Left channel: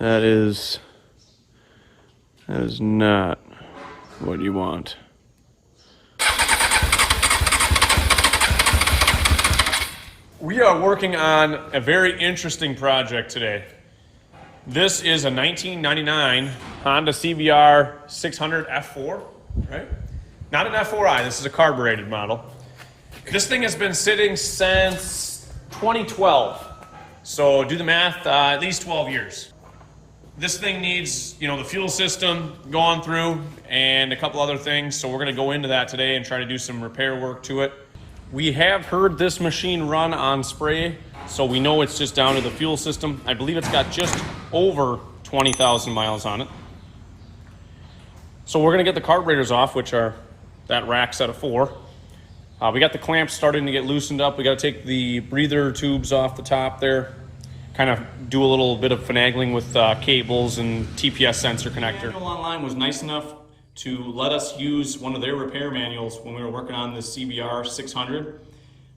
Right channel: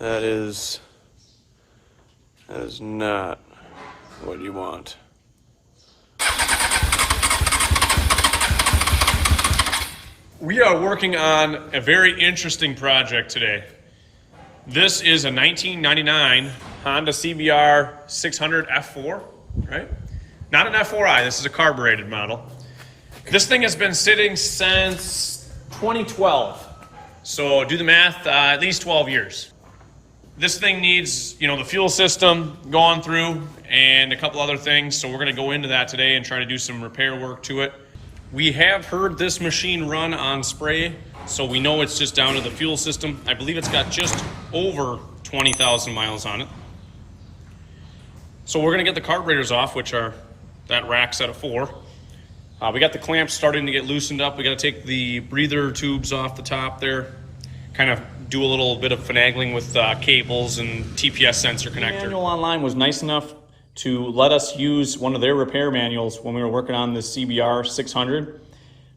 That is not what you want. We are working on a very interesting project today. This is a 1999 Honda CBR600 F4, right? Not an F4i, this is a carbureted model. This thing has been sitting since 2012. So do the math, at least 12 years. This thing needs, the fuel system going through and a couple other things. So we're gonna go into that today and try to do some repair work to it. We have heard this machine run on spray, so we know it's just down to the fuel system. I believe it's got just over 20,000 miles on it. So we're gonna get the carburetors off, which are that rack set of 4. We got the clamps starting to get loosened up. We gotta take the breather tubes off the top there, kind of do a little bit of finagling with cables and TPS sensor connector. The manual online was nice enough to let us use one of their repair manuals when we were working on the CBR600.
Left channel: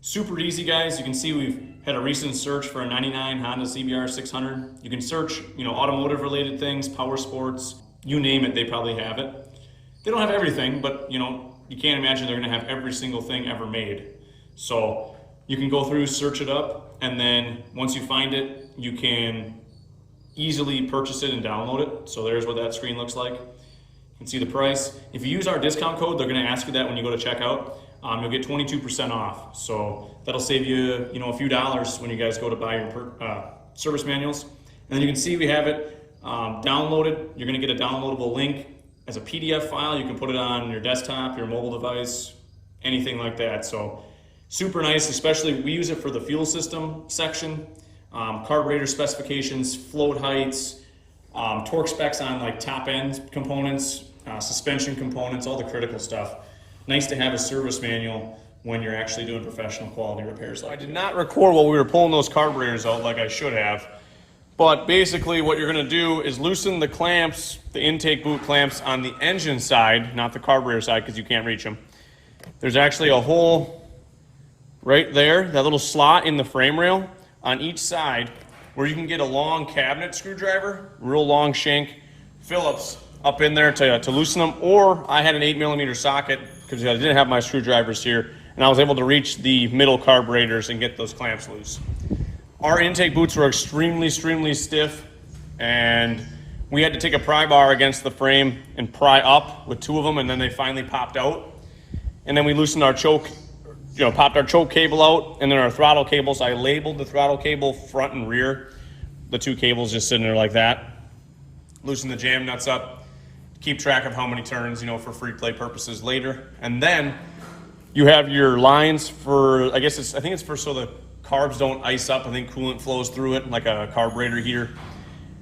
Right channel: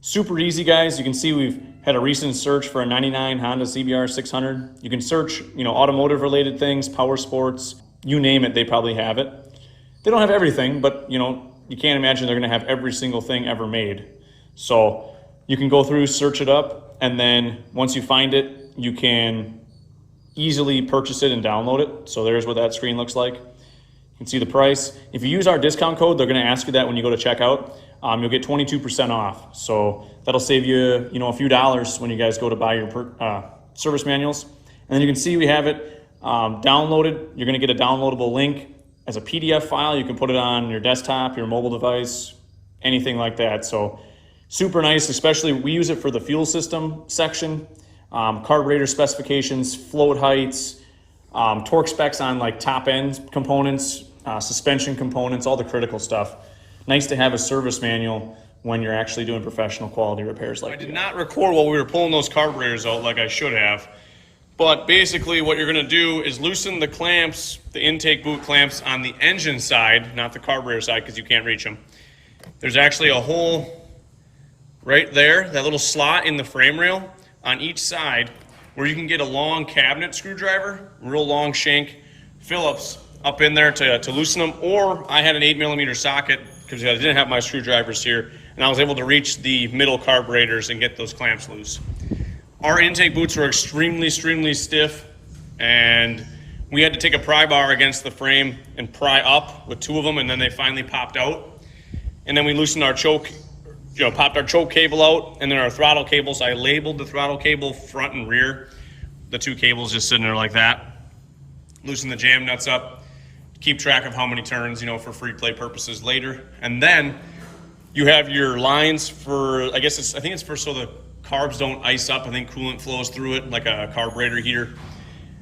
Super easy, guys. You can see we've had a recent search for a 99 Honda CBR600. You can search, automotive related things, power sports, you name it, they probably have it. They don't have everything, but you can't imagine they're gonna have every single thing ever made. So you can go through, search it up, and then once you find it, you can easily purchase it and download it. So there's what that screen looks like. You can see the price. If you use our discount code, they're gonna ask you that when you go to checkout. You'll get 22% off. So that'll save you, a few dollars when you guys go to buy your service manuals. And then you can see we have it downloaded. You're gonna get a downloadable link as a PDF file. You can put it on your desktop, your mobile device, anything like that. So super nice, especially we use it for the fuel system section, carburetor specifications, float heights, torque specs on like top end components, suspension components, all the critical stuff. Nice to have a service manual when you're actually doing professional quality repairs like that. I did not record while we were pulling those carburetors out like I should have, but basically what you're gonna do is loosen the clamps, the intake boot clamps on the engine side, not the carburetor side because you can't reach them. There's actually a hole right there, that little slot in the frame rail on each side where you can get a long cabinet screwdriver, real long shank Phillips up in there to loosen them, or I had an 8mm socket because I didn't have my screwdrivers here, and I was able to reach the middle carburetors and get those clamps loose. Our intake boots were extremely stiff, and we had to take a pry bar against the frame and pry up with 2 of them, and then they finally popped out. And then we loosened our choke, popped our choke cable out, and then our throttle cables. I labeled the throttle cable front and rear. The 2 cables just sitting there like that. Loosen the jam nuts up, keep track of how many turns, for free play purposes later. And then you have your lines for, I think it's for so the carbs don't ice up. I think coolant flows through it like a carburetor heater.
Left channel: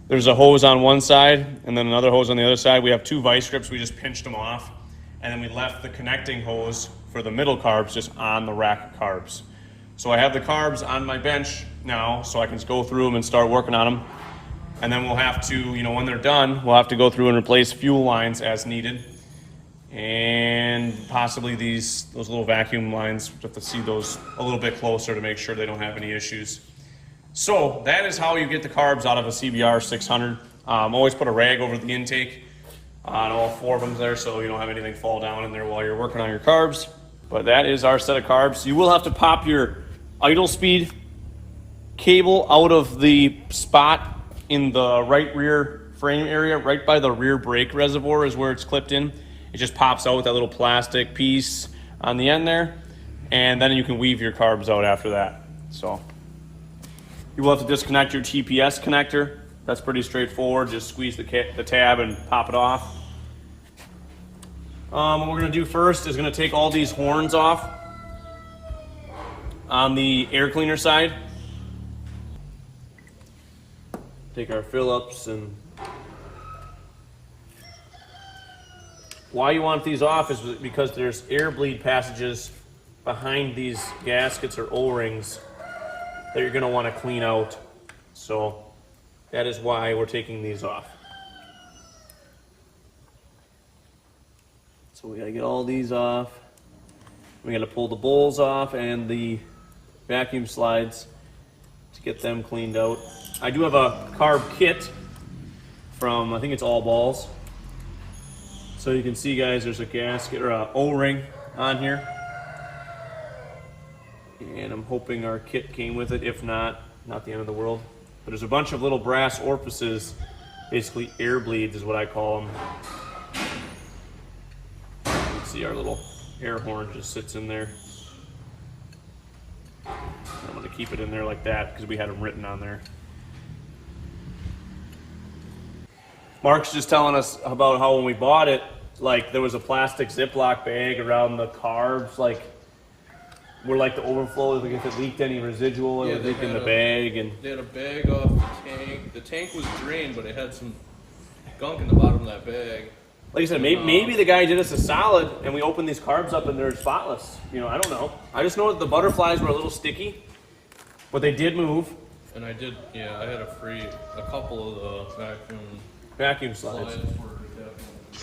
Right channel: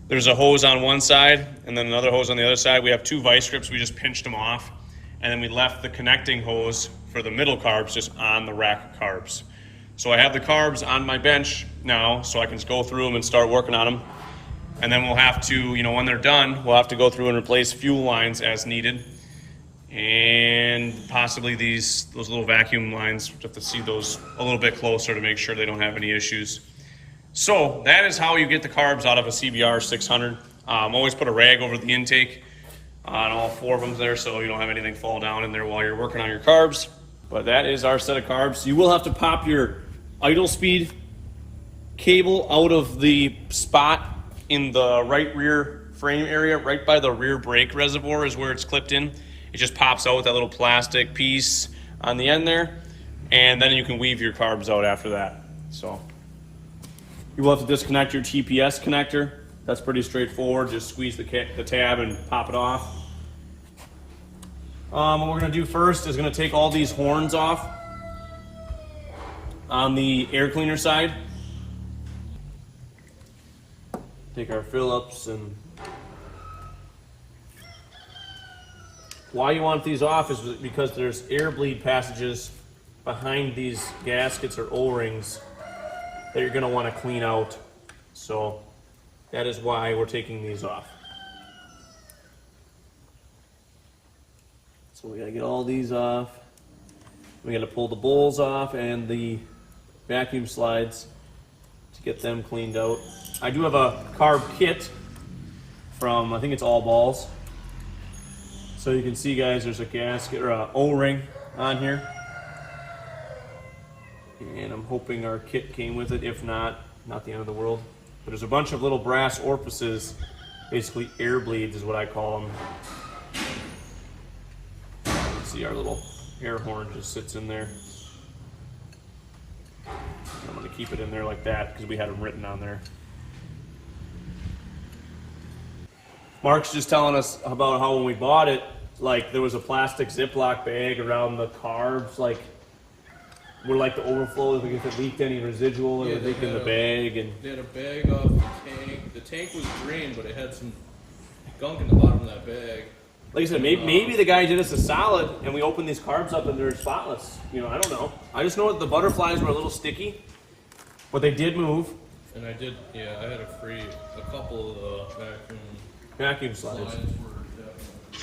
There's a hose on one side and then another hose on the other side. We have 2 vice grips. We just pinched them off. And then we left the connecting hose for the middle carbs just on the rack of carbs. So I have the carbs on my bench now, so I can just go through them and start working on them. And then we'll have to, when they're done, we'll have to go through and replace fuel lines as needed. And possibly those little vacuum lines, we'll have to see those a little bit closer to make sure they don't have any issues. So that is how you get the carbs out of a CBR600. Always put a rag over the intake on all 4 of them there so you don't have anything fall down in there while you're working on your carbs. But that is our set of carbs. You will have to pop your idle speed cable out of the spot in the right rear frame area, right by the rear brake reservoir is where it's clipped in. It just pops out with that little plastic piece on the end there, and then you can weave your carbs out after that. So you will have to disconnect your TPS connector. That's pretty straightforward. Just squeeze the tab and pop it off. What we're gonna do first is gonna take all these horns off on the air cleaner side. Take our Phillips, and why you want these off is because there's air bleed passages behind these gaskets or O-rings that you're going to want to clean out. So that is why we're taking these off. So we got to get all these off. We got to pull the bowls off and the vacuum slides to get them cleaned out. I do have a carb kit from, I think it's All Balls. So you can see, guys, there's a gasket or a O-ring on here. And I'm hoping our kit came with it. If not, not the end of the world. But there's a bunch of little brass orifices, basically air bleeds is what I call them. You can see our little air horn just sits in there. I'm going to keep it in there like that because we had them written on there. Mark's just telling us about how when we bought it, like there was a plastic Ziploc bag around the carbs, like where like the overflow, like if it leaked any residual, it would leak in the bag. And they had a bag off the tank. The tank was green, but it had some gunk in the bottom of that bag. Like I said, maybe the guy did us a solid and we opened these carbs up and they're spotless. You know, I don't know. I just know that the butterflies were a little sticky, but they did move. And I did, yeah, I had a couple of the vacuum slides.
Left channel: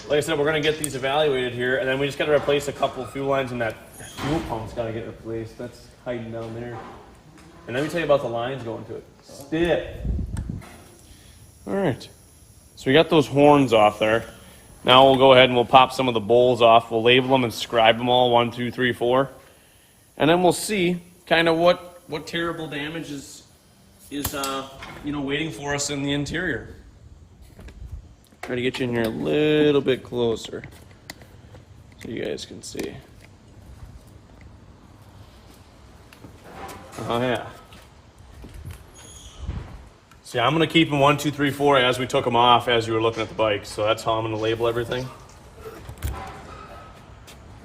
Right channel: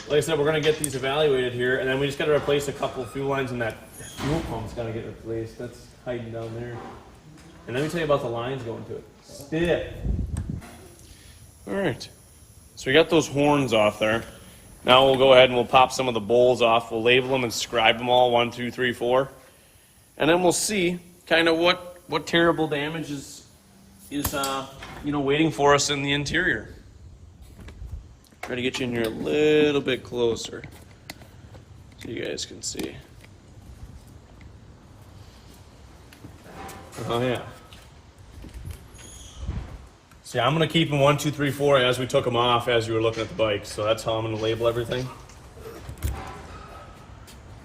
Like I said, we're going to get these evaluated here, and then we just got to replace a couple fuel lines, and that fuel pump's got to get replaced. That's hiding down there. And let me tell you about the lines going to it. Stiff. All right. So we got those horns off there. Now we'll go ahead and we'll pop some of the bowls off. We'll label them and scribe them all, 1, 2, 3, 4. And then we'll see kind of what terrible damage is waiting for us in the interior. I'm gonna get you in here a little bit closer so you guys can see. Oh yeah. See, I'm gonna keep them 1, 2, 3, 4 as we took them off as you were looking at the bike. So that's how I'm gonna label everything.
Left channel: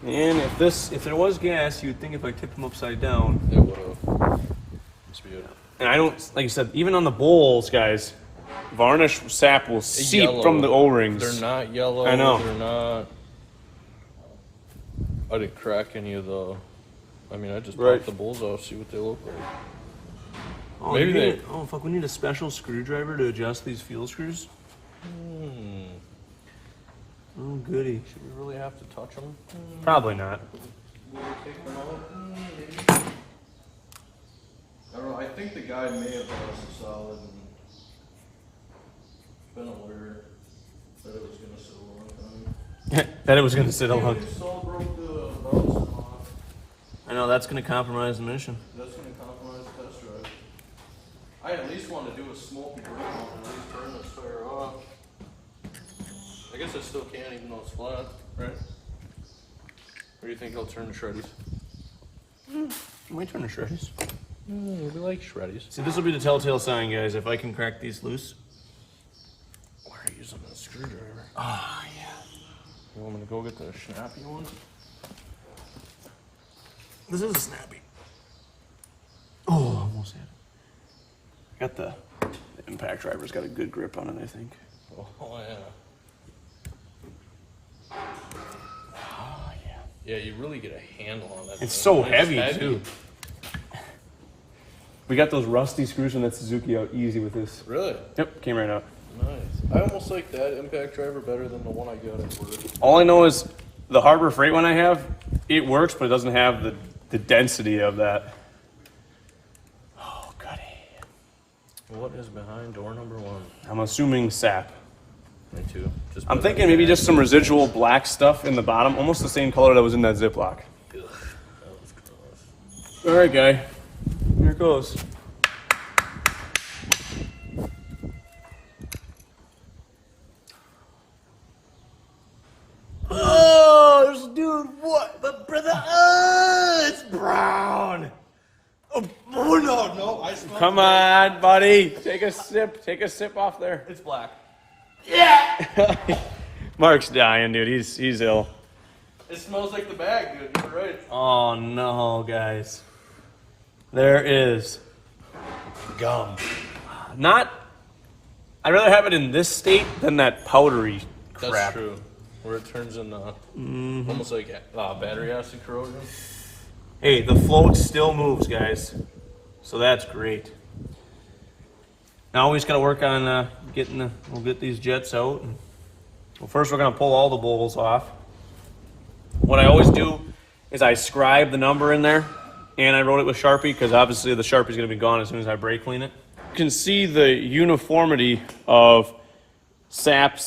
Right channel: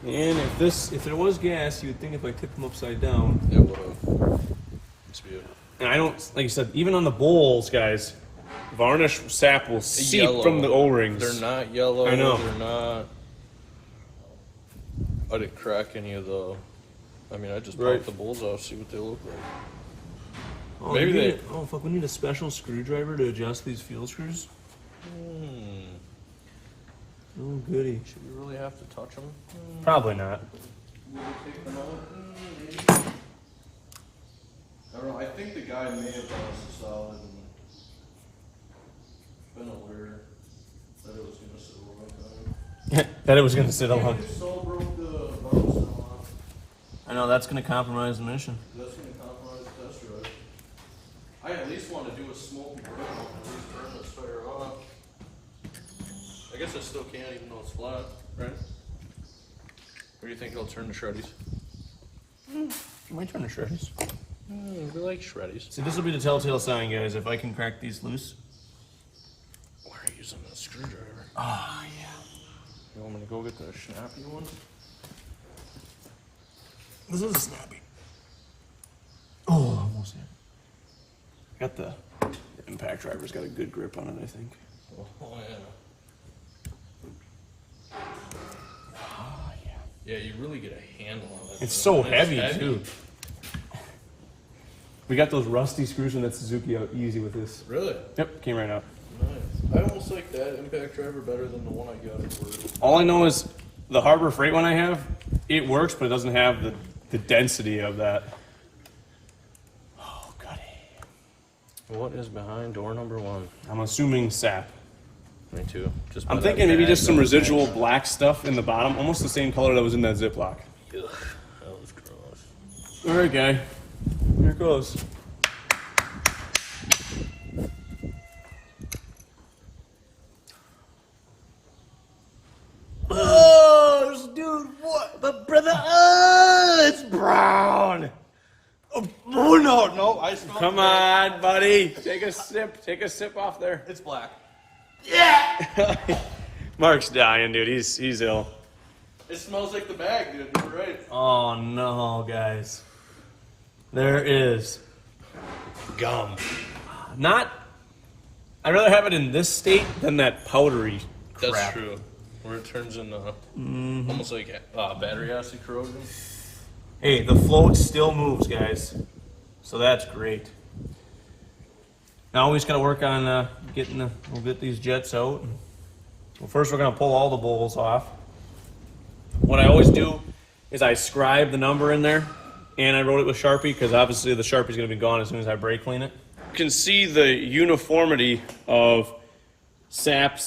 And if there was gas, you'd think if I tipped them upside down. And I don't, like I said, even on the bowls, guys, varnish sap will seep from the O-rings. They're not yellow. I know. They're not. I didn't crack any of the. I mean, I just popped the bowls off, see what they look like. Oh, oh fuck! We need a special screwdriver to adjust these fuel screws. Oh goody! Should we really have to touch them? Probably not. I don't know. I think the guy may have lost a solid and been aware that it was going to sit a long time. That it was going to sit a long time. I know that's going to compromise the mission. That's going to compromise the test drive. I at least want to do a smoke burn and at least turn this fire off. I guess I still can't even though it's flat, right? What do you think? I'll turn the shreddies? I might turn the shreddies. I really like shreddies. So this will be the telltale sign, guys, if I can crack these loose. We're using a screwdriver. Oh, yeah. You want me to go get the snappy one? This is a snappy. Oh, almost had it. Got the impact driver's got a good grip on it, I think. Oh, yeah. Oh, yeah. Yeah, you really get a handle on that. It's so heavy, too. We got those rusty screws from that Suzuki out easy with this. Really? Yep, came right out. Nice. I almost like that impact driver better than the one I got at work. All I know is the Harbor Freight one I have, it works, but it doesn't have the density of that. Oh, goody. What is behind door number 1? I'm assuming sap. Me too. I'm thinking maybe just some residual black stuff in the bottom, almost the same color that was in that Ziploc. Ugh, that was gross. All right, guy. Here it goes. Oh, dude, what? But brother, it's brown. Oh no, I smell. Come on, buddy. Take a sip. Take a sip off there. It's black. Yeah. Mark's dying, dude. He's ill. It smells like the bag, dude. You're right. Oh no, guys. There is gum. I'd rather have it in this state than that powdery crap. That's true. Where it turns into almost like battery acid corrosion. Hey, the float still moves, guys. So that's great. Now we just got to work on we'll get these jets out. Well, first we're going to pull all the bowls off. What I always do is I scribe the number in there, and I wrote it with Sharpie because obviously the Sharpie's going to be gone as soon as I brake clean it. You can see the uniformity of sap,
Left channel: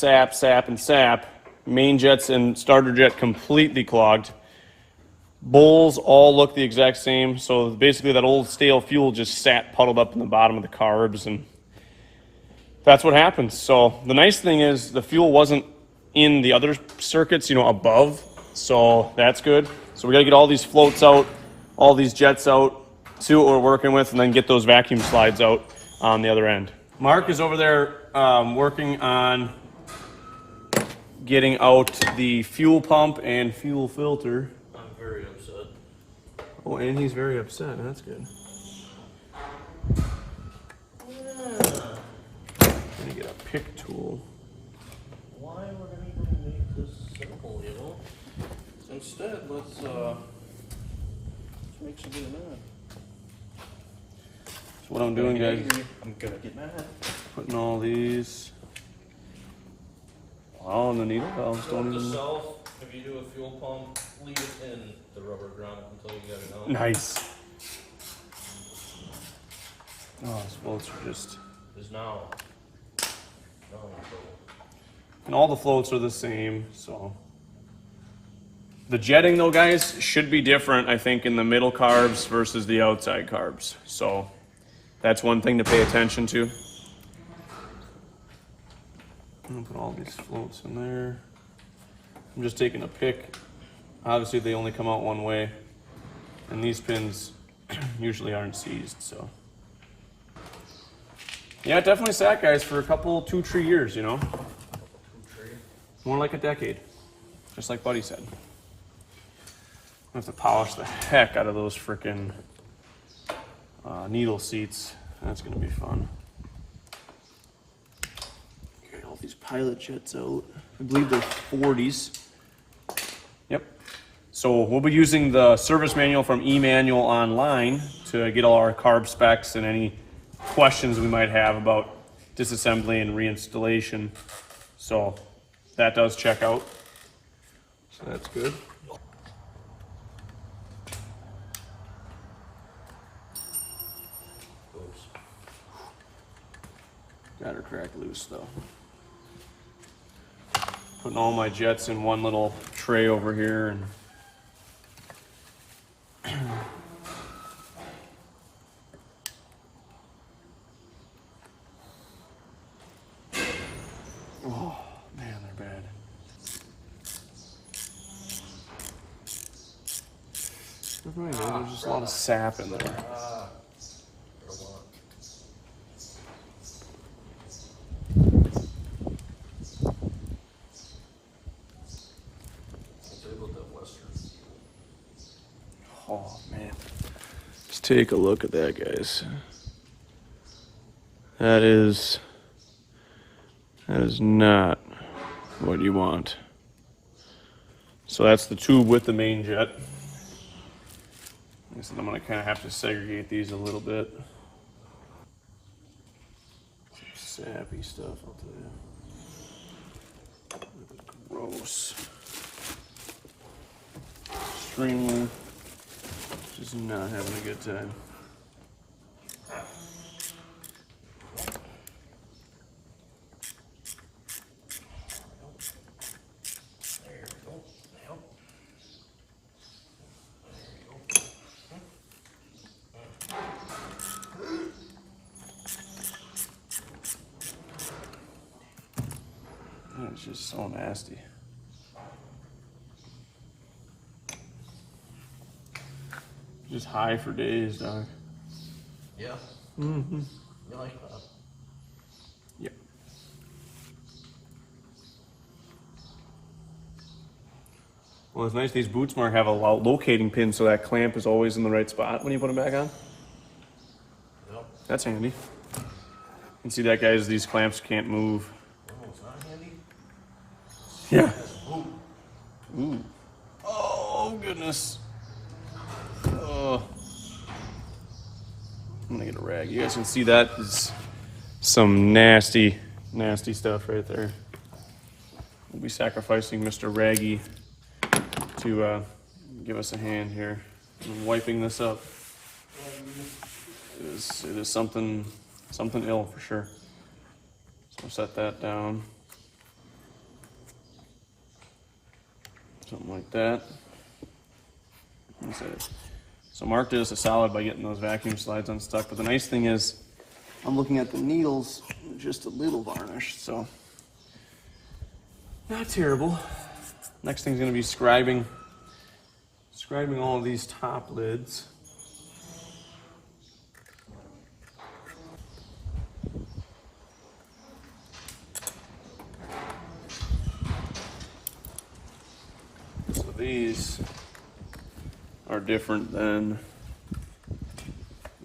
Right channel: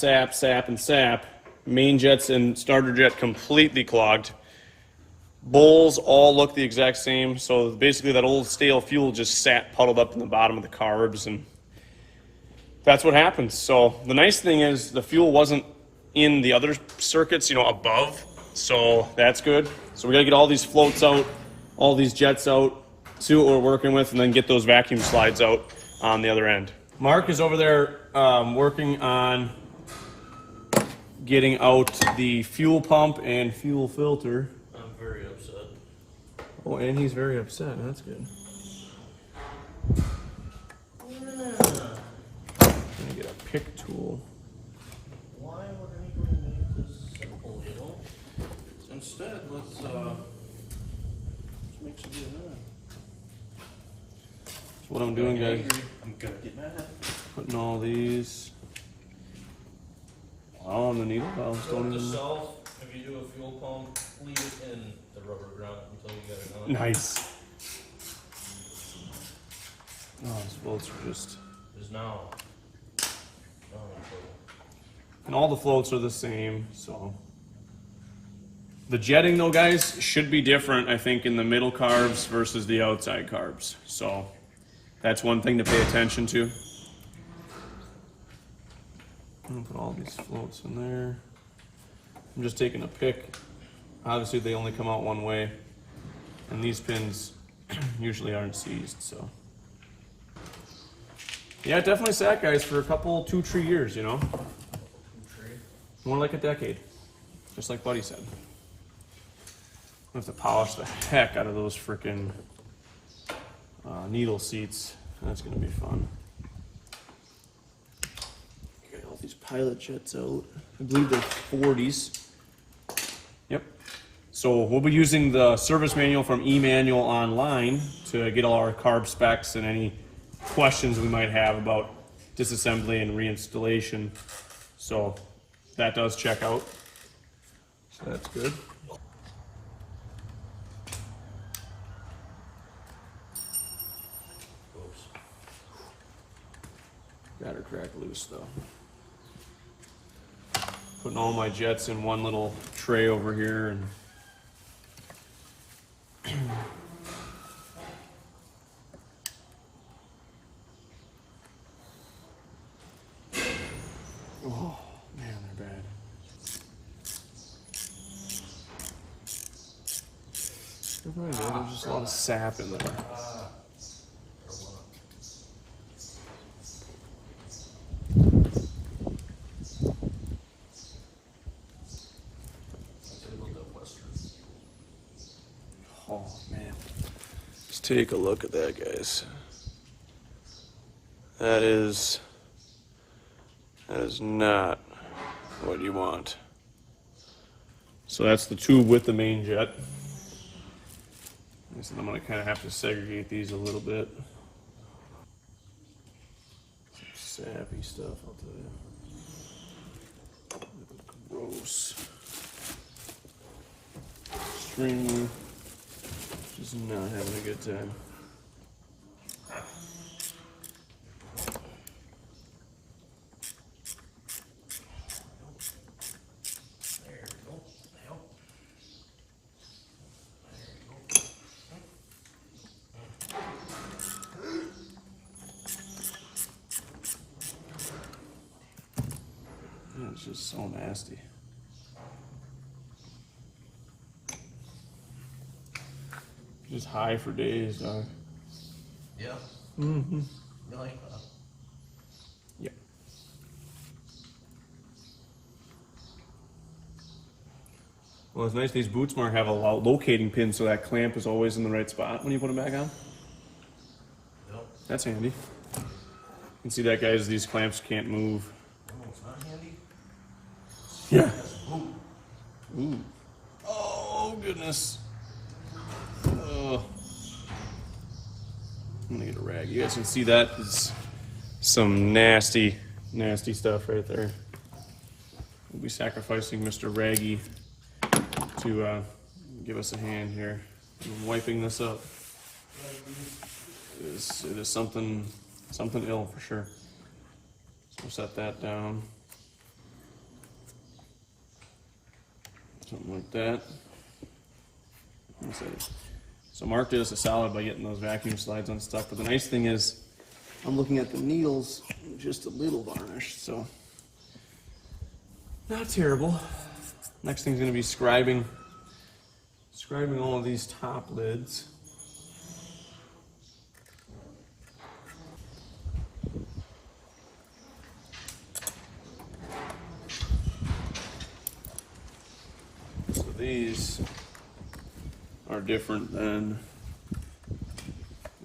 and sap. Main jets and starter jet completely clogged. Bowls all look the exact same, so basically that old stale fuel just sat puddled up in the bottom of the carbs, and that's what happens. So the nice thing is the fuel wasn't in the other circuits, above, so that's good. So we gotta get all these floats out, all these jets out, see what we're working with, and then get those vacuum slides out on the other end. Mark is over there working on getting out the fuel pump and fuel filter. I'm very upset. Oh, and he's very upset. That's good. Gonna get a pick tool. Why would anybody make this simple, Instead, let's make some good man. So what I'm doing, guys, I'm gonna get mad. putting all these all on the needle valves. Don't even... If you do a fuel pump, leave it in the rubber ground until you get it out. Nice. Oh, these bolts are just... Is now. And all the floats are the same, so... The jetting, though, guys, should be different, I think, in the middle carbs versus the outside carbs. So that's one thing to pay attention to. I'm gonna put all these floats in there. I'm just taking a pick. Obviously, they only come out one way, and these pins usually aren't seized, so. Yeah, it definitely sat, guys, for a couple, 2-3 years, More like a decade, just like Buddy said. I have to polish the heck out of those frickin' needle seats. That's gonna be fun. Okay, all these pilot jets out. I believe they're 40s. Yep. So we'll be using the service manual from eManual online to get all our carb specs and any questions we might have about disassembly and reinstallation. So that does check out. So that's good. Got her crack loose though. Putting all my jets in one little tray over here, and oh man, they're bad. There's just a lot of sap in there. Oh man, just take a look at that, guys. That is not what you want. So that's the tube with the main jet. I'm gonna kind of have to segregate these a little bit. Some sappy stuff, I'll tell you. Gross. Stringy. Just not having a good time. It's just so nasty. Just high for days, dog. Yeah. Mm-hmm. You like that? Yep. Well, it's nice these boots, Mark, have a locating pin so that clamp is always in the right spot when you put it back on. Yep. That's handy. You can see that, guys, these clamps can't move. Oh, it's not handy? Yeah. Ooh. Oh, goodness. Oh. I'm gonna get a rag. You guys can see that is some nasty, nasty stuff right there. We'll be sacrificing Mr. Raggy to give us a hand here in wiping this up. It is something ill for sure. So we'll set that down. Something like that. So Mark did us a solid by getting those vacuum slides unstuck, but the nice thing is I'm looking at the needles, just a little varnish, so not terrible. Next thing's going to be scribing all of these top lids. So these are different than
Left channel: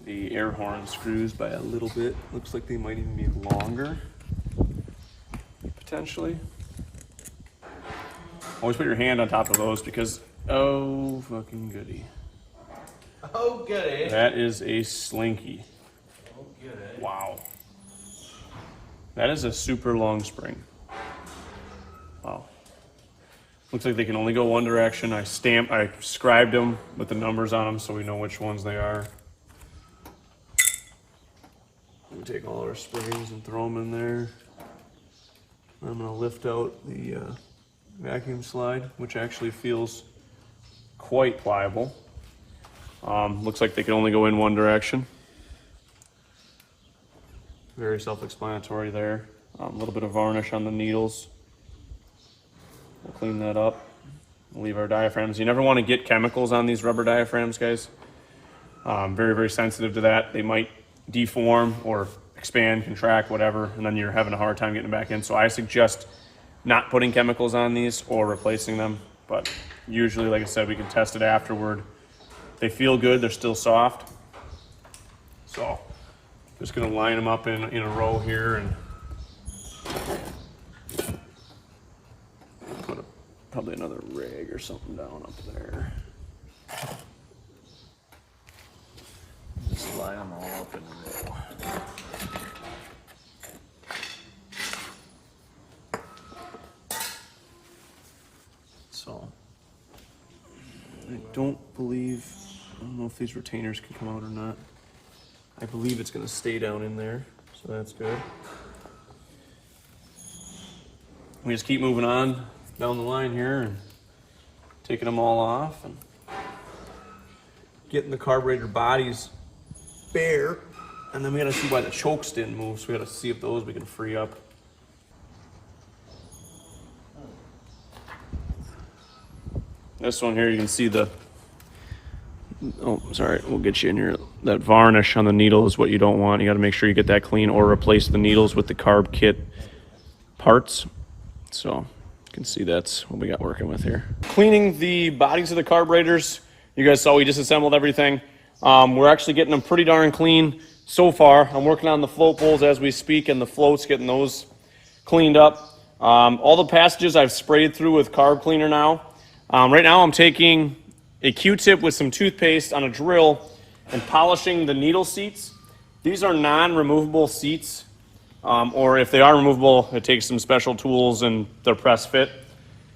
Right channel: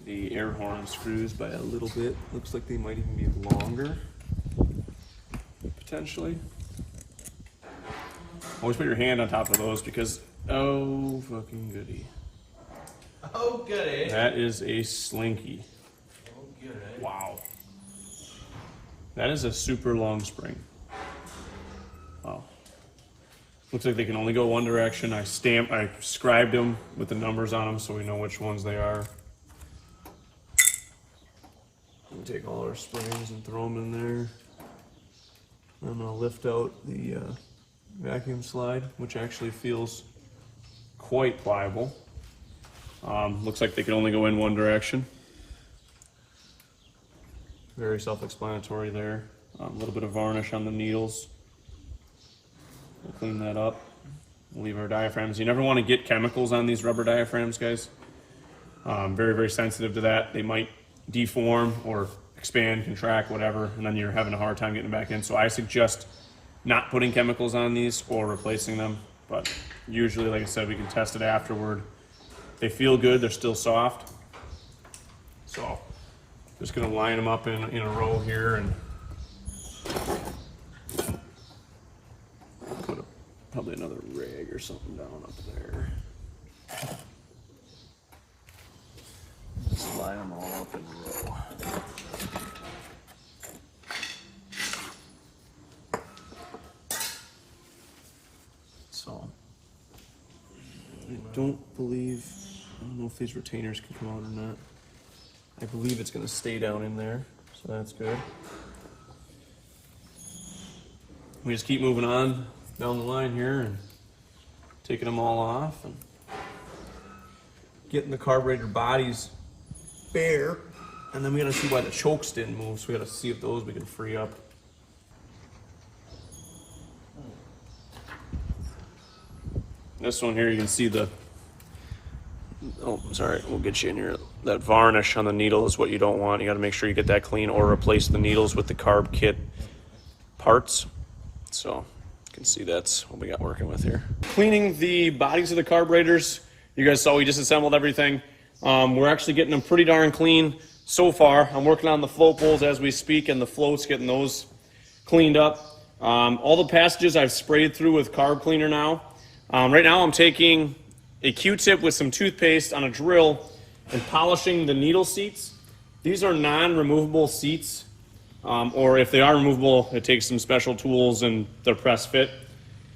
the air horn screws by a little bit. Looks like they might even be longer, potentially. Always put your hand on top of those because, oh, fucking goody. Oh, goody. That is a slinky. Oh, goody. Wow. That is a super long spring. Wow. Looks like they can only go one direction. I scribed them with the numbers on them so we know which ones they are. We take all our springs and throw them in there. I'm gonna lift out the vacuum slide, which actually feels quite pliable. Looks like they can only go in one direction. Very self-explanatory there. A little bit of varnish on the needles. We'll clean that up. We'll leave our diaphragms. You never want to get chemicals on these rubber diaphragms, guys. Very, very sensitive to that. They might deform or expand, contract, whatever, and then you're having a hard time getting them back in. So I suggest not putting chemicals on these or replacing them. But usually, like I said, we can test it afterward. They feel good. They're still soft. So just going to line them up in a row here and put probably another rag or something down up there. Just line them all up in a row. So I don't know if these retainers can come out or not. I believe it's going to stay down in there, so that's good. We just keep moving on down the line here and taking them all off and getting the carburetor bodies bare. And then we got to see why the chokes didn't move, so we got to see if those we can free up. This one here, you can see the, oh, sorry, we'll get you in here. That varnish on the needle is what you don't want. You got to make sure you get that clean or replace the needles with the carb kit parts. So you can see that's what we got working with here. Cleaning the bodies of the carburetors. You guys saw we disassembled everything. We're actually getting them pretty darn clean so far. I'm working on the float bowls as we speak and the floats, getting those cleaned up. All the passages I've sprayed through with carb cleaner now. Right now I'm taking a Q-tip with some toothpaste on a drill and polishing the needle seats. These are non-removable seats, or if they are removable, it takes some special tools and they're press fit.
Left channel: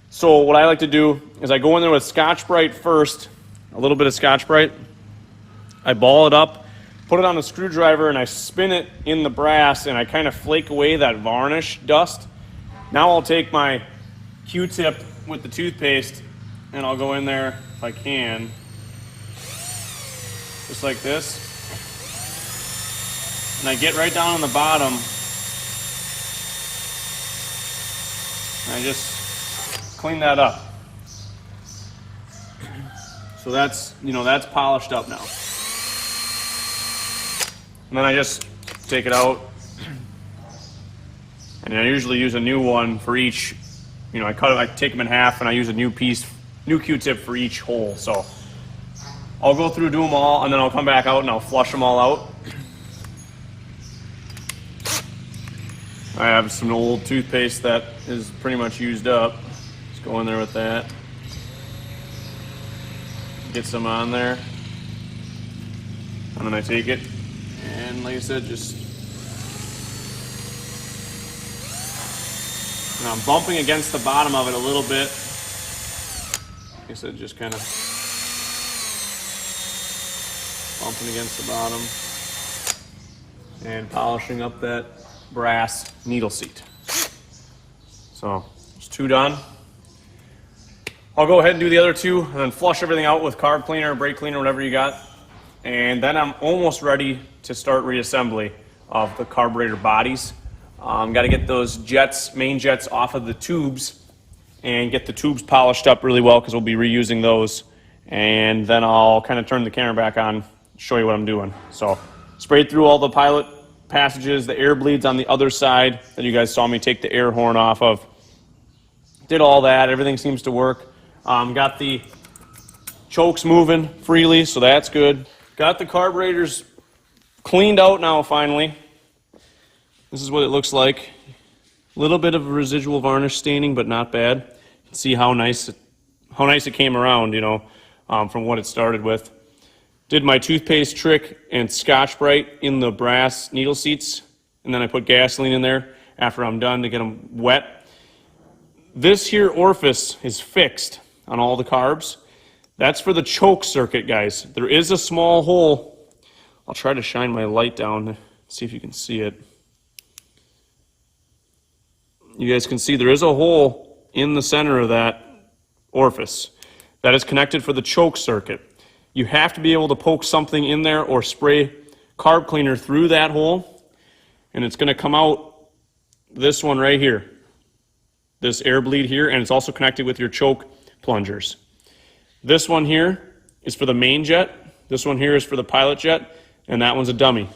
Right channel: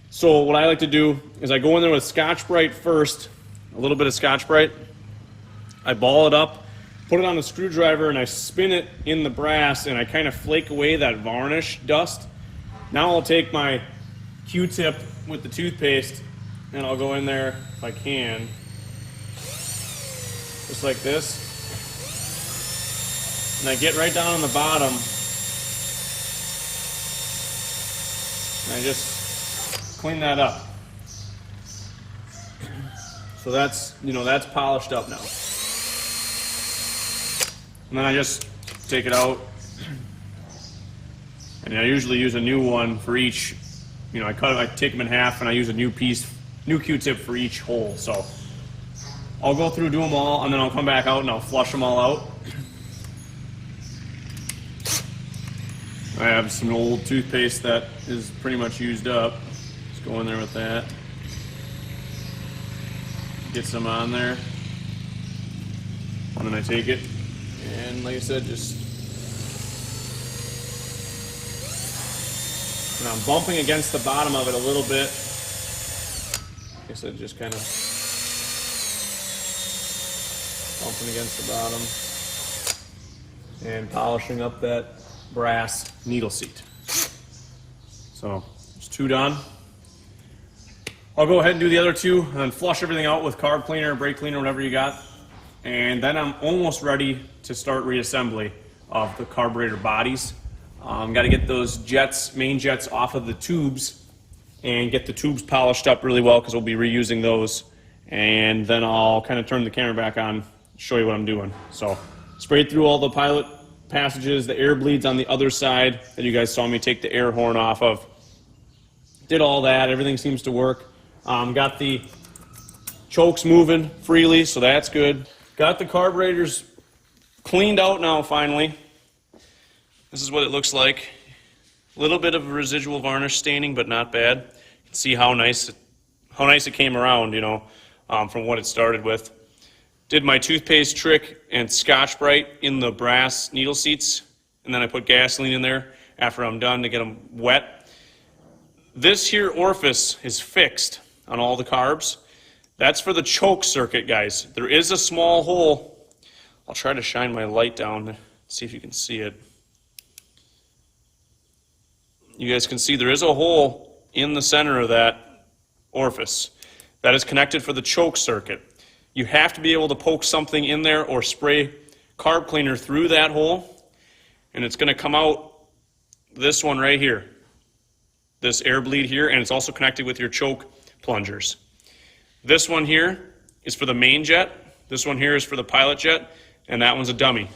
So what I like to do is I go in there with Scotch-Brite first, a little bit of Scotch-Brite. I ball it up, put it on a screwdriver, and I spin it in the brass, and I kind of flake away that varnish dust. Now I'll take my Q-tip with the toothpaste, and I'll go in there if I can, just like this. And I get right down on the bottom, and I just clean that up. So that's, that's polished up now. And then I just take it out, and I usually use a new one for each. I take them in half, and I use a new Q-tip for each hole. So I'll go through, do them all, and then I'll come back out and I'll flush them all out. I have some old toothpaste that is pretty much used up. Just go in there with that. Get some on there. And then I take it, and like I said, and I'm bumping against the bottom of it a little bit. Like I said, just kind of bumping against the bottom and polishing up that brass needle seat. So, it's two done. I'll go ahead and do the other two and then flush everything out with carb cleaner, brake cleaner, whatever you got. And then I'm almost ready to start reassembly of the carburetor bodies. Got to get those jets, main jets off of the tubes and get the tubes polished up really well because we'll be reusing those. And then I'll kind of turn the camera back on, show you what I'm doing. So sprayed through all the pilot passages, the air bleeds on the other side that you guys saw me take the air horn off of. Did all that, everything seems to work. Got the chokes moving freely, so that's good. Got the carburetors cleaned out now finally. This is what it looks like. A little bit of residual varnish staining, but not bad. See how nice it came around, you know, from what it started with. Did my toothpaste trick and Scotch-Brite in the brass needle seats, and then I put gasoline in there after I'm done to get them wet. This here orifice is fixed on all the carbs. That's for the choke circuit, guys. There is a small hole. I'll try to shine my light down, see if you can see it. You guys can see there is a hole in the center of that orifice that is connected for the choke circuit. You have to be able to poke something in there or spray carb cleaner through that hole, and it's going to come out this one right here, this air bleed here, and it's also connected with your choke plungers. This one here is for the main jet, this one here is for the pilot jet, and that one's a dummy.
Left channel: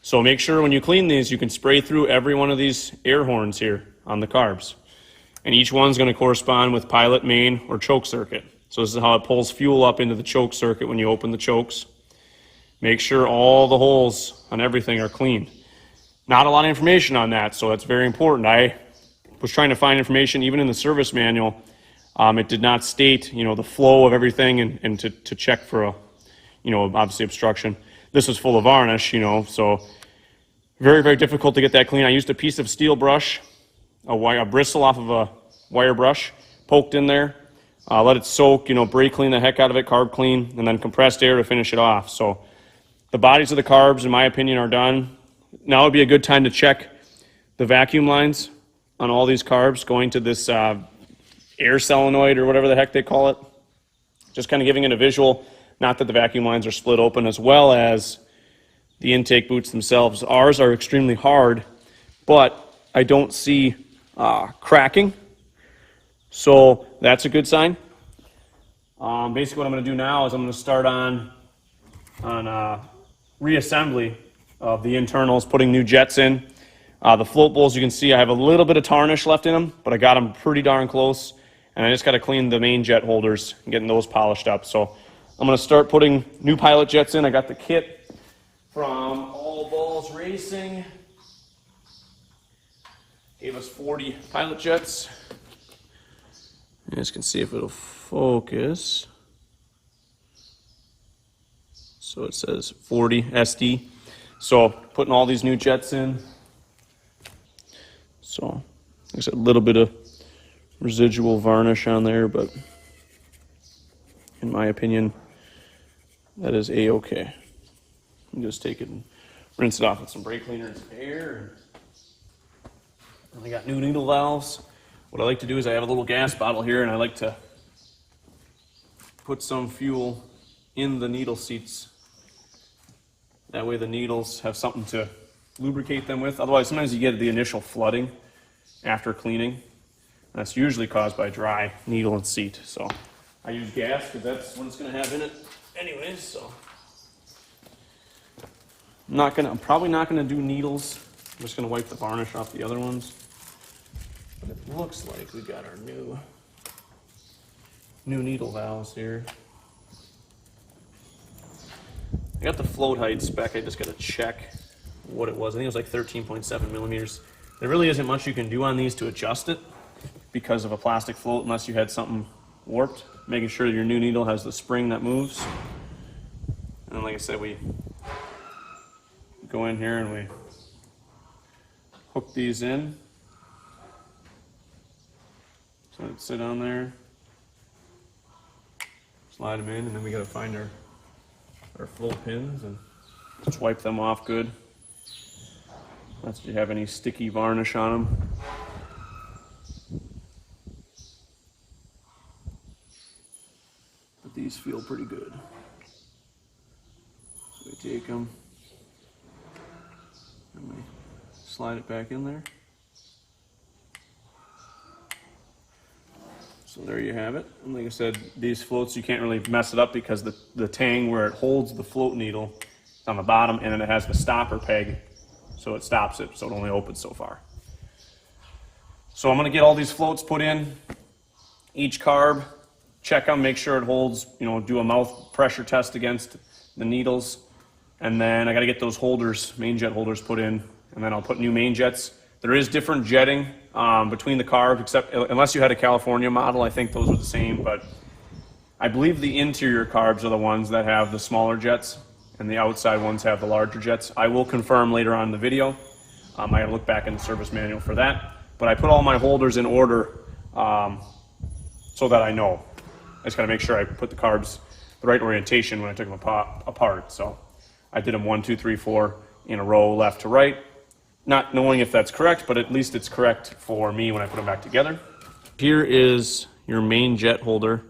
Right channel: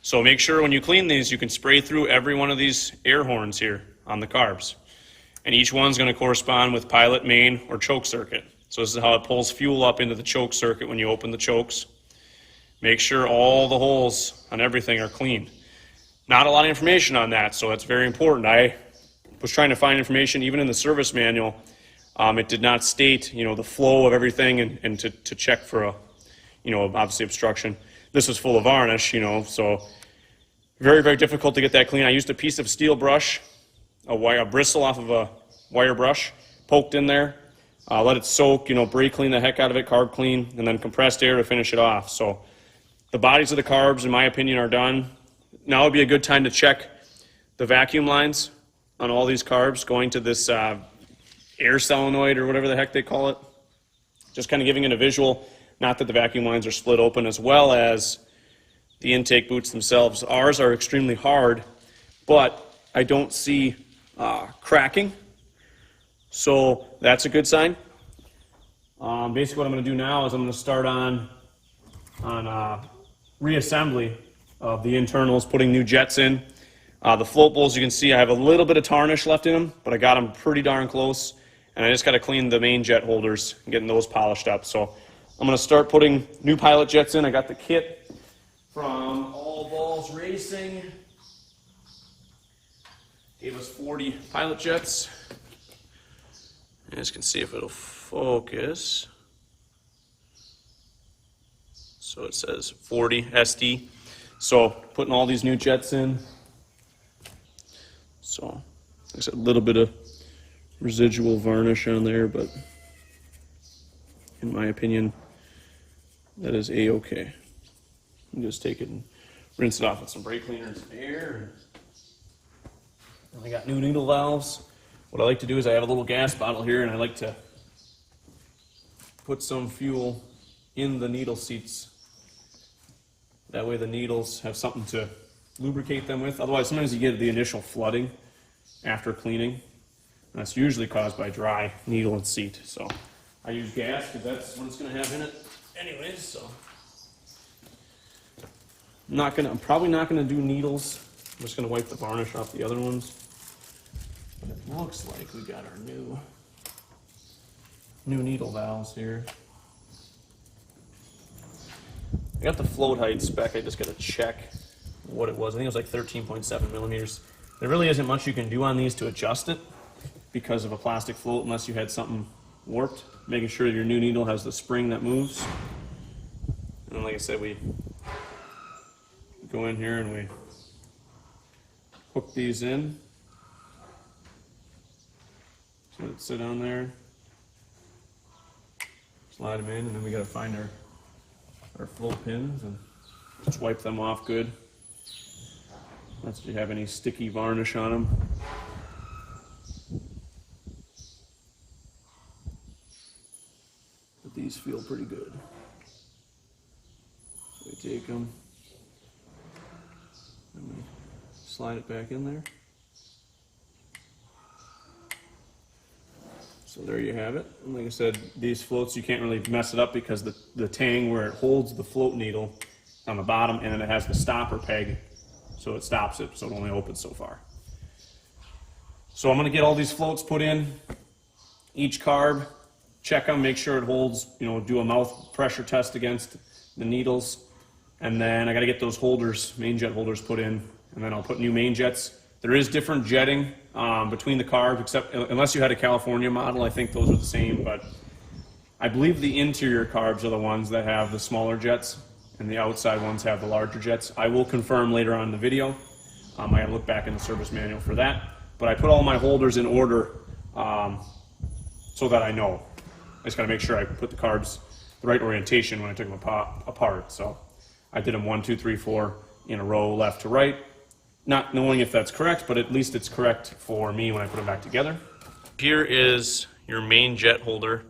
So make sure when you clean these, you can spray through every one of these air horns here on the carbs. And each one's going to correspond with pilot, main, or choke circuit. So this is how it pulls fuel up into the choke circuit when you open the chokes. Make sure all the holes on everything are clean. Not a lot of information on that, so that's very important. I was trying to find information even in the service manual. It did not state, you know, the flow of everything and to check for a, you know, obviously obstruction. This was full of varnish, you know, so very, very difficult to get that clean. I used a piece of steel brush, a bristle off of a wire brush, poked in there, let it soak, you know, brake clean the heck out of it, carb clean, and then compressed air to finish it off. So the bodies of the carbs, in my opinion, are done. Now would be a good time to check the vacuum lines on all these carbs going to this air solenoid or whatever the heck they call it. Just kind of giving it a visual, not that the vacuum lines are split open, as well as the intake boots themselves. Ours are extremely hard, but I don't see cracking, so that's a good sign. Basically what I'm going to do now is I'm going to start on reassembly of the internals, putting new jets in. The float bowls, you can see I have a little bit of tarnish left in them, but I got them pretty darn close, and I just got to clean the main jet holders and getting those polished up. So I'm going to start putting new pilot jets in. I got the kit from All Balls Racing. Gave us 40 pilot jets. You guys can see if it'll focus. So it says 40 SD. So putting all these new jets in. So there's a little bit of residual varnish on there, but in my opinion, that is a-okay. You just take it and rinse it off with some brake cleaner and some air. And I got new needle valves. What I like to do is I have a little gas bottle here, and I like to put some fuel in the needle seats. That way the needles have something to lubricate them with. Otherwise, sometimes you get the initial flooding after cleaning. That's usually caused by dry needle and seat. So I use gas because that's what it's going to have in it anyways. So I'm probably not going to do needles. I'm just going to wipe the varnish off the other ones. But it looks like we got our new needle valves here. I got the float height spec. I just got to check what it was. I think it was like 13.7 millimeters. There really isn't much you can do on these to adjust it because of a plastic float, unless you had something warped. Making sure your new needle has the spring that moves. And then, like I said, we go in here and we hook these in. So it'd sit on there. Slide them in, and then we got to find our float pins and just wipe them off good. Unless you have any sticky varnish on them. These feel pretty good. So I take them, and we slide it back in there. So there you have it. And like I said, these floats, you can't really mess it up because the tang where it holds the float needle is on the bottom, and then it has the stopper peg, so it stops it, so it only opens so far. So I'm gonna get all these floats put in, each carb, check them, make sure it holds, you know, do a mouth pressure test against the needles, and then I gotta get those holders, main jet holders put in, and then I'll put new main jets. There is different jetting between the carbs, except unless you had a California model, I think those are the same, but I believe the interior carbs are the ones that have the smaller jets, and the outside ones have the larger jets. I will confirm later on in the video. I gotta look back in the service manual for that, but I put all my holders in order so that I know. I just gotta make sure I put the carbs the right orientation when I took them apart. So I did them 1, 2, 3, 4 in a row, left to right. Not knowing if that's correct, but at least it's correct for me when I put them back together. Here is your main jet holder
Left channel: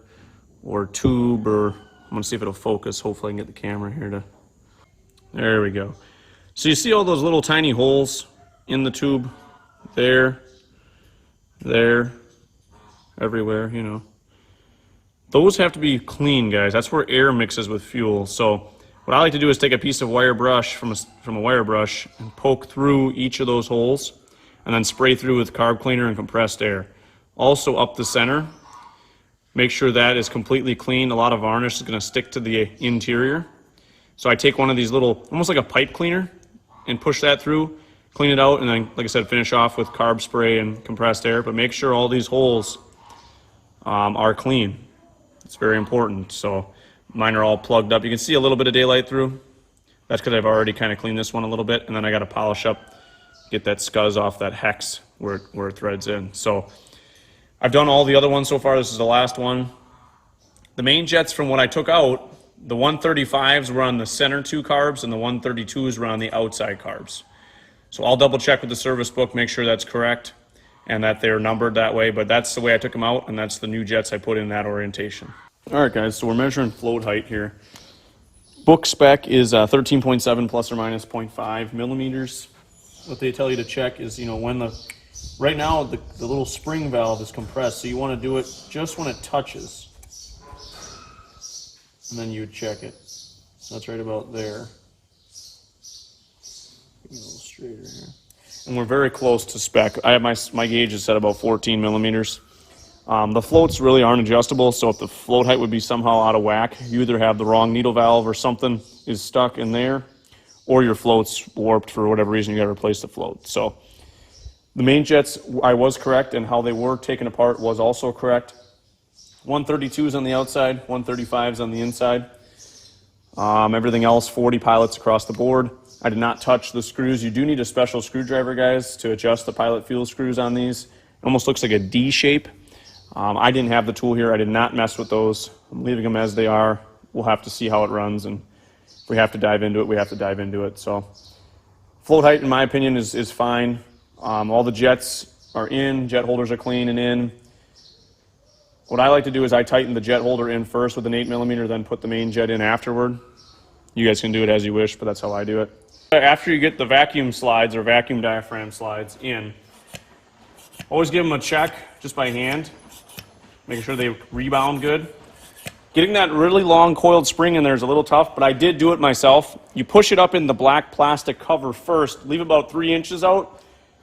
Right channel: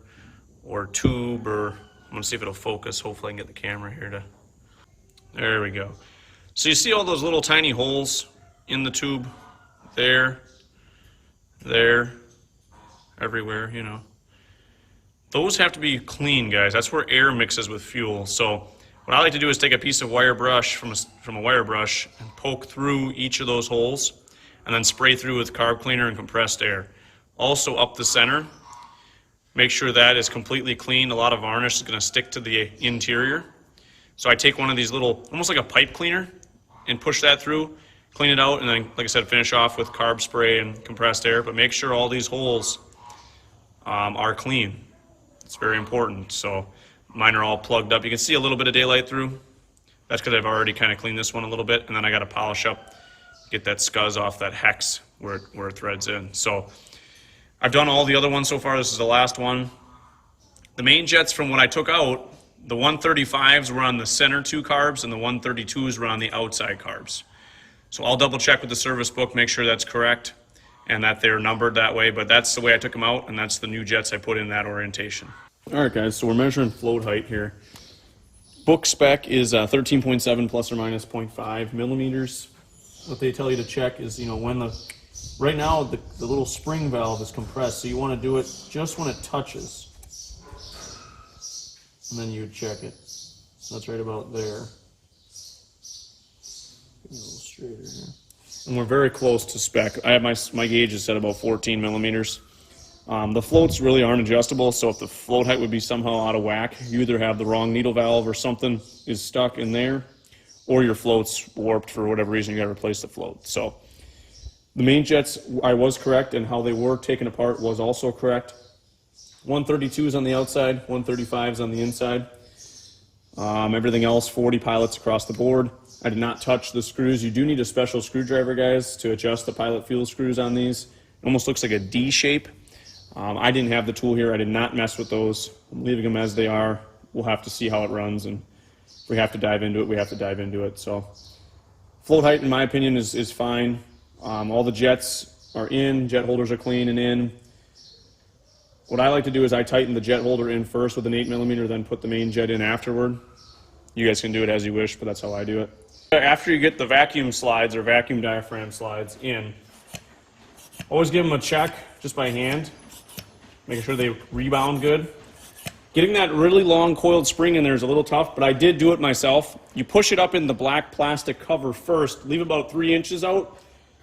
or tube, or I'm gonna see if it'll focus. Hopefully I can get the camera here to, there we go. So you see all those little tiny holes in the tube? There, everywhere, you know. Those have to be clean, guys. That's where air mixes with fuel. So what I like to do is take a piece of wire brush from a wire brush and poke through each of those holes and then spray through with carb cleaner and compressed air. Also up the center, make sure that is completely clean. A lot of varnish is gonna stick to the interior. So I take one of these little, almost like a pipe cleaner, and push that through, clean it out, and then, like I said, finish off with carb spray and compressed air, but make sure all these holes are clean. It's very important. So mine are all plugged up. You can see a little bit of daylight through. That's because I've already kind of cleaned this one a little bit, and then I got to polish up, get that scuzz off that hex where it threads in. So I've done all the other ones so far. This is the last one. The main jets from what I took out, the 135s were on the center 2 carbs, and the 132s were on the outside carbs. So I'll double check with the service book, make sure that's correct, and that they're numbered that way, but that's the way I took them out, and that's the new jets I put in that orientation. All right, guys, so we're measuring float height here. Book spec is 13.7 plus or minus 0.5 millimeters. What they tell you to check is, you know, when right now the little spring valve is compressed, so you want to do it just when it touches. And then you would check it. So that's right about there. Get me a little straighter here. And we're very close to spec. I have my gauge is set about 14 millimeters. The floats really aren't adjustable, so if the float height would be somehow out of whack, you either have the wrong needle valve or something is stuck in there, or your float's warped for whatever reason, you gotta replace the float. So the main jets, I was correct, and how they were taken apart was also correct. 132s on the outside, 135s on the inside. Everything else, 40 pilots across the board. I did not touch the screws. You do need a special screwdriver, guys, to adjust the pilot fuel screws on these. It almost looks like a D shape. I didn't have the tool here. I did not mess with those. I'm leaving them as they are. We'll have to see how it runs, and if we have to dive into it, we have to dive into it. So float height, in my opinion, is fine. All the jets are in. Jet holders are clean and in. What I like to do is I tighten the jet holder in first with an 8 millimeter, then put the main jet in afterward. You guys can do it as you wish, but that's how I do it. After you get the vacuum slides or vacuum diaphragm slides in, always give them a check just by hand, making sure they rebound good. Getting that really long coiled spring in there is a little tough, but I did do it myself. You push it up in the black plastic cover first, leave about 3 inches out,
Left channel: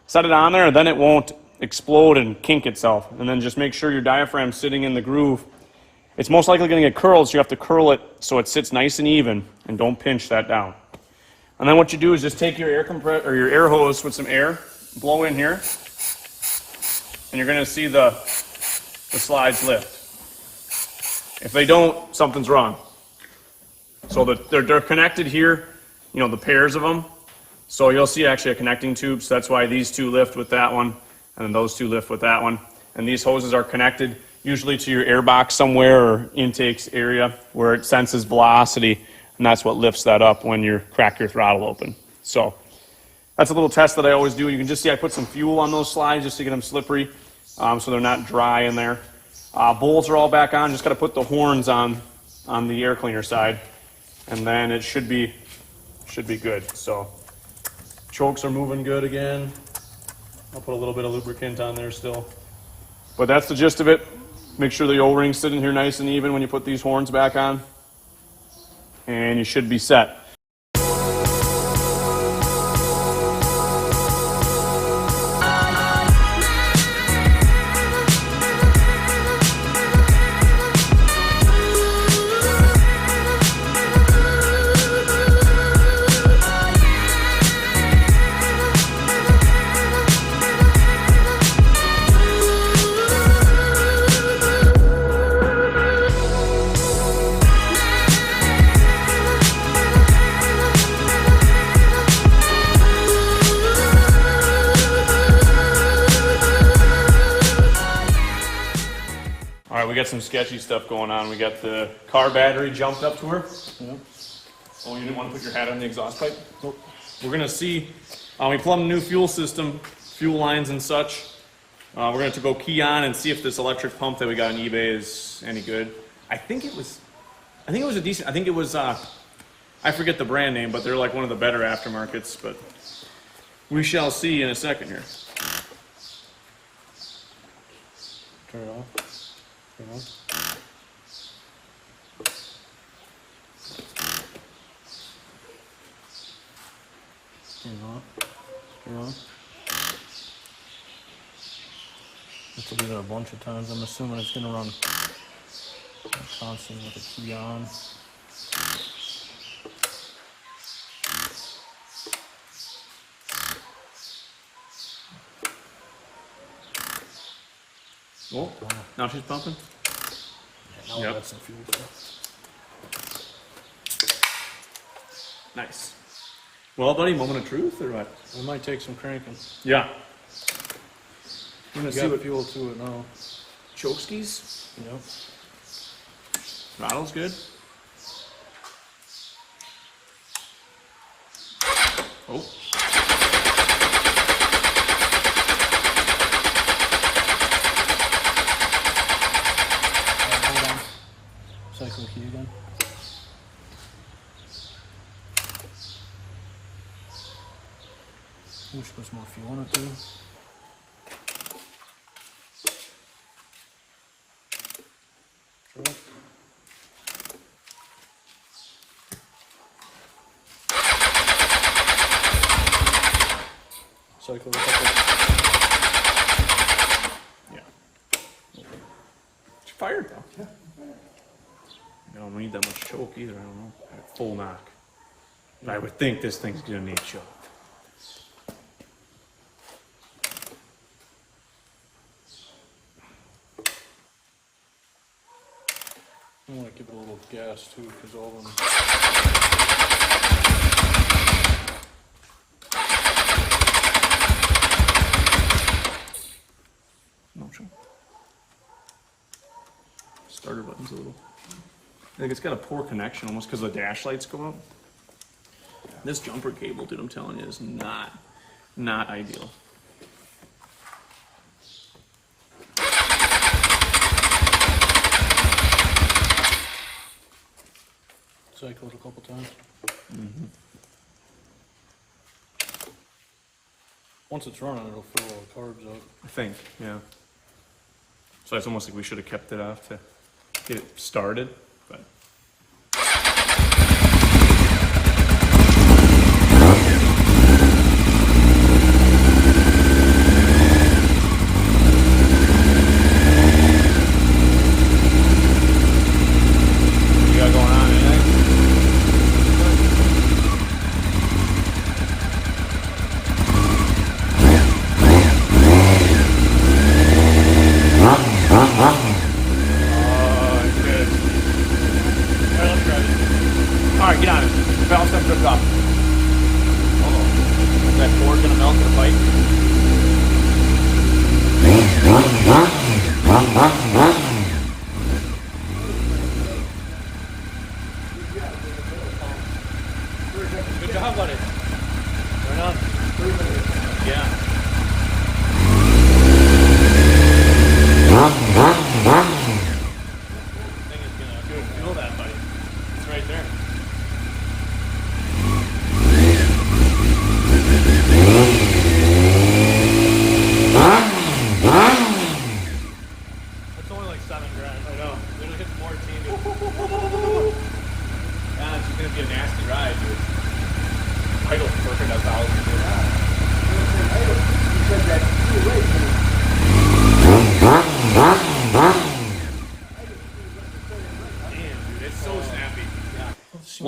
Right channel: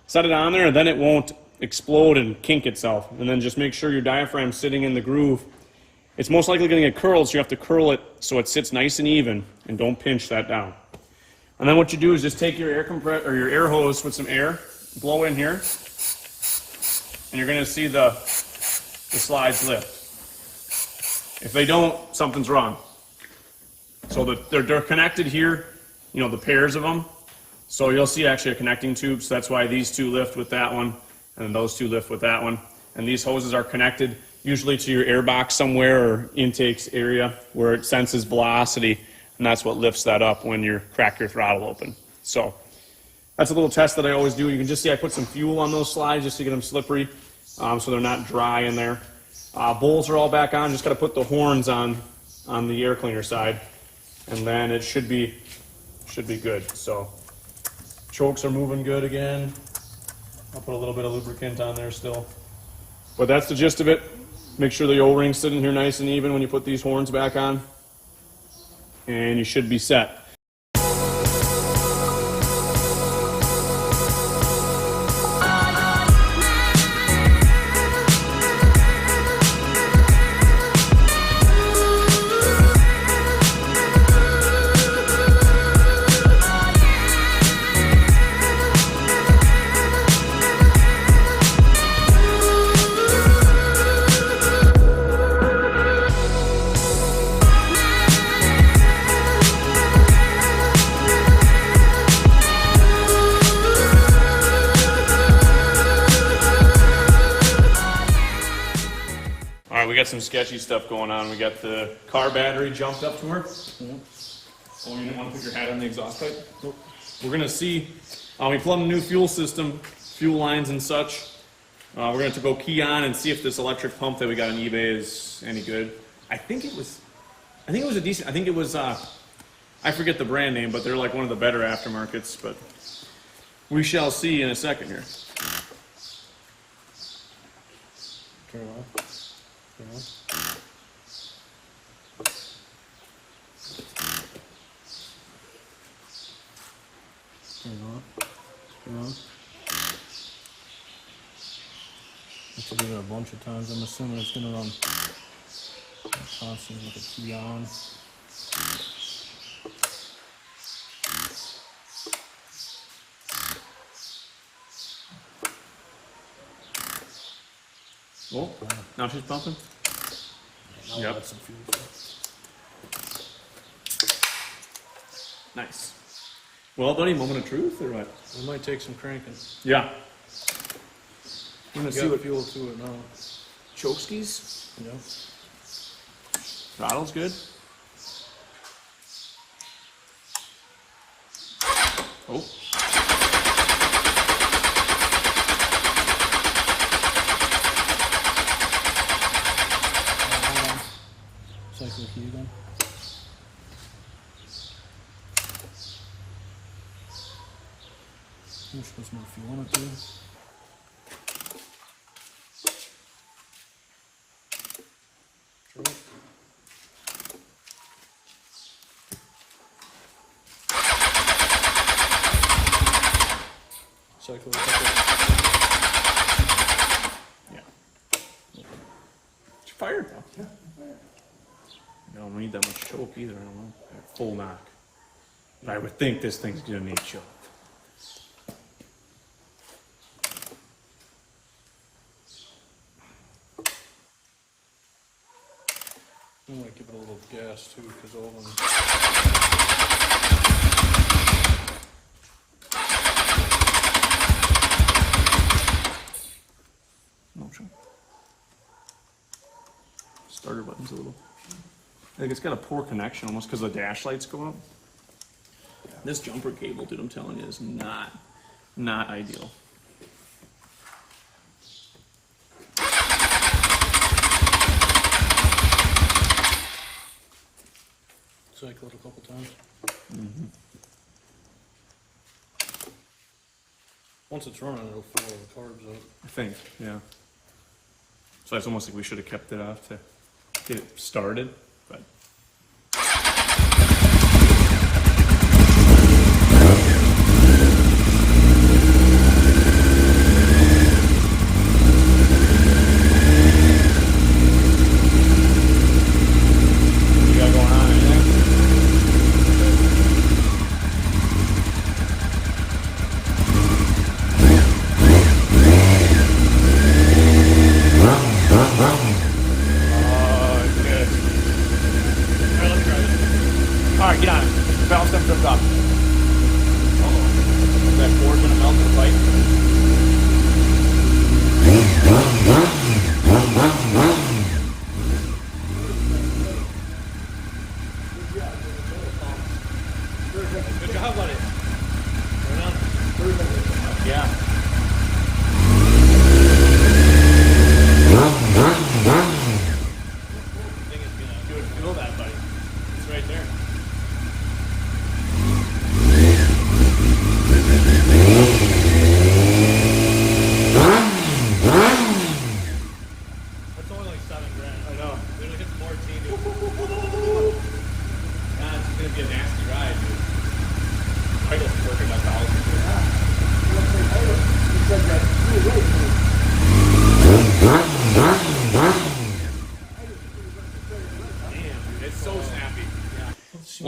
set it on there, and then it won't explode and kink itself. And then just make sure your diaphragm's sitting in the groove. It's most likely going to get curled, so you have to curl it so it sits nice and even, and don't pinch that down. And then what you do is just take your your air hose with some air, blow in here, and you're going to see the slides lift. If they don't, something's wrong. So they're connected here, you know, the pairs of them. So you'll see actually a connecting tube, so that's why these two lift with that one, and then those two lift with that one. And these hoses are connected usually to your air box somewhere or intakes area where it senses velocity, and that's what lifts that up when you crack your throttle open. So that's a little test that I always do. You can just see I put some fuel on those slides just to get them slippery, so they're not dry in there. Bowls are all back on. Just got to put the horns on on the air cleaner side, and then it should be good. So chokes are moving good again. I'll put a little bit of lubricant on there still. But that's the gist of it. Make sure the O-ring's sitting here nice and even when you put these horns back on. And you should be set. Some sketchy stuff going on. We got the car battery jumped up to her. Oh, you didn't want to put your hat on the exhaust pipe? Nope. We're gonna see. We plumbed a new fuel system, fuel lines and such. We're gonna have to go key on and see if this electric pump that we got on eBay is any good. I think it was a decent. I think it was. I forget the brand name, but they're like one of the better aftermarkets. But we shall see in a second here. Turn it off. Turn on. This will do that a bunch of times. I'm assuming it's going to run constantly with the key on. Oh, now she's pumping? Yeah, yep. That's some fuel. Nice. Well, buddy, moment of truth or what? We might take some cranking. Yeah. We're gonna See see what fuel to it now. choke skis. Yep. Throttle's good. Oh. Cycle key again. We'll put some more fuel in it too. Cycle. Yeah. It's fired though. Yeah. I don't need that much choke either. I don't know. Full knock. But I would think this thing's gonna need choke. I want to give it a little gas too, because all of them. No choke. Starter button's a little. I think it's got a poor connection almost because the dash lights go up. Yeah. This jumper cable, dude, I'm telling you, is not ideal. Cycled a couple times. Mm-hmm. Once it's running, it'll fill all the carbs up. I think, yeah. So it's almost like we should have kept it off to get it started, but.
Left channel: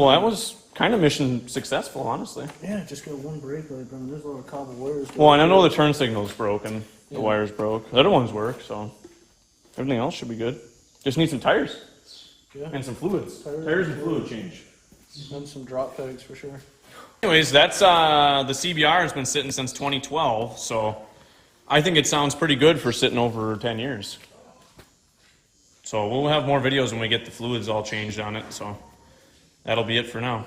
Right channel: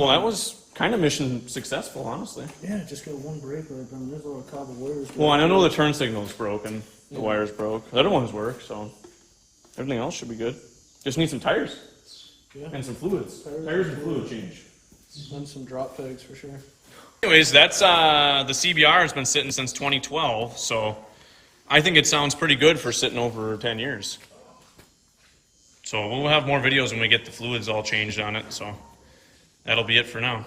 Well, that was kind of mission successful, honestly. Yeah, just got one brake light, but there's a little cobble wires. Well, and I know the turn signal's broken. The wires broke. The other ones work, so everything else should be good. Just need some tires. Yeah. And some fluids. Tires and fluid change. And some drop tags for sure. Anyways, that's the CBR has been sitting since 2012, so I think it sounds pretty good for sitting over 10 years. So we'll have more videos when we get the fluids all changed on it, so that'll be it for now.